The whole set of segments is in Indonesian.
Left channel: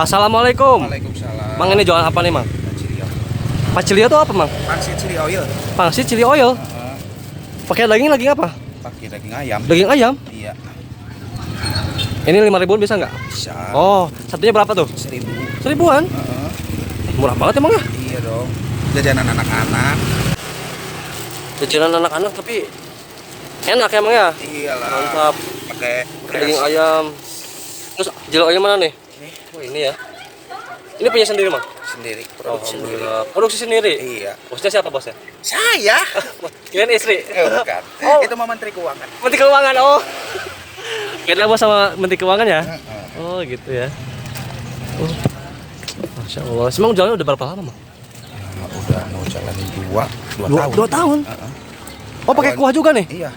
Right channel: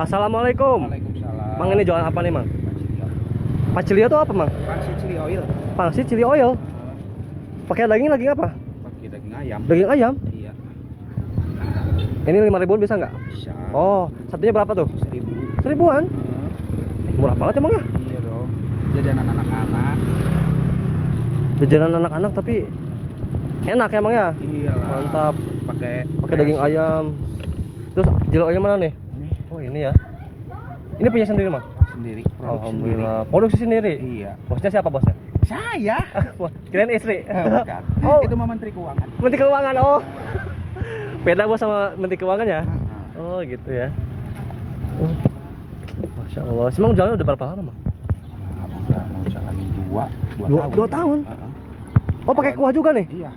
Assalamualaikum. Waalaikumsalam. Mang, ini jualan apa nih, Mang? Cilio. Pacilio itu apa, Mang? Pangsit chili oil. Pangsit chili oil. Pakai daging apa? Pakai daging ayam. Daging ayam. Iya. Ini 5.000 bisa nggak? Bisa. Oh, satunya berapa tuh? 1.000. 1.000-an. Murah banget emang ya? Iya dong. Jajanan anak-anak. Jajanan anak-anak tapi enak emang ya? Iyalah. Mantap. Pakai Pakai daging ayam. Terus chili oil mana nih? Ini Oh, ini ya. Ini punya sendiri, Mang? sendiri. Produksi sendiri. Alhamdulillah. Produksi sendiri. Iya. Bosnya siapa, bosnya? Saya. Wah, kirain istri. Bukan. Oh. Itu mah Menteri Keuangan. Menteri Keuangan. Oh. Beda bos sama Menteri Keuangan ya? Heeh. Oh, gitu ya. Oh. Masya Allah. Emang jalannya udah berapa lama, Mang? Nah, udah mau jalan dua tahun. 2 tahun. Heeh. Oh, pakai kuah juga nih? Iya.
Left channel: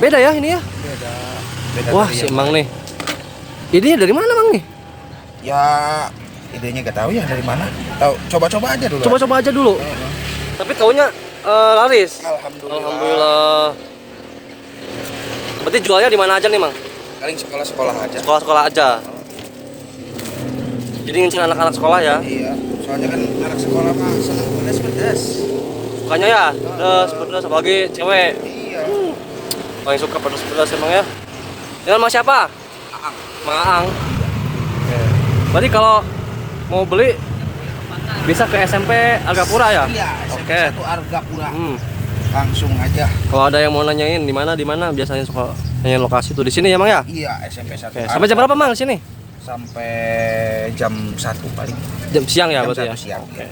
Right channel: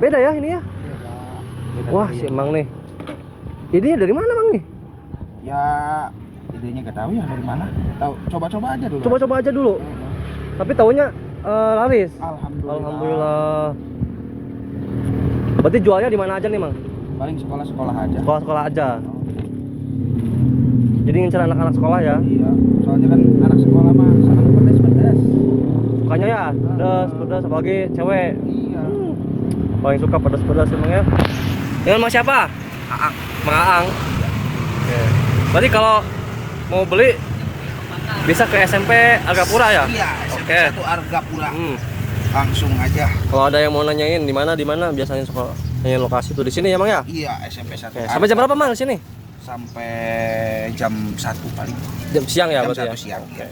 Beda ya ini ya? Beda. Beda Wah, dari si yang Mang lain. nih. Ini dari mana, Mang nih? Ya idenya gak tahu ya dari mana. Tahu coba-coba aja dulu. Coba-coba aja dulu. Heeh. Tapi taunya laris. Alhamdulillah. Alhamdulillah. Berarti jualnya di mana aja nih, Mang? Paling sekolah-sekolah aja. Sekolah-sekolah aja. Jadi ngincer anak-anak sekolah ya? Iya, soalnya kan anak sekolah mah seneng pedas-pedas. Sukanya ya? Pedas, apalagi cewek. Iya. Paling suka pedas-pedas emang ya. Ini sama siapa? Aang. Mang Aang. Oke. Berarti kalau mau beli bisa ke SMP Argapura ya? Iya. Oke. Satu Argapura. Hmm. Langsung aja. Kalau ada yang mau nanyain di mana biasanya suka nanyain lokasi tuh di sini ya, Mang ya? Iya, SMP 1. Oke. Sampai jam berapa, Mang, di sini? Sampai jam 1 paling. Jam siang ya Jam berarti ya? 1 siang. Oke.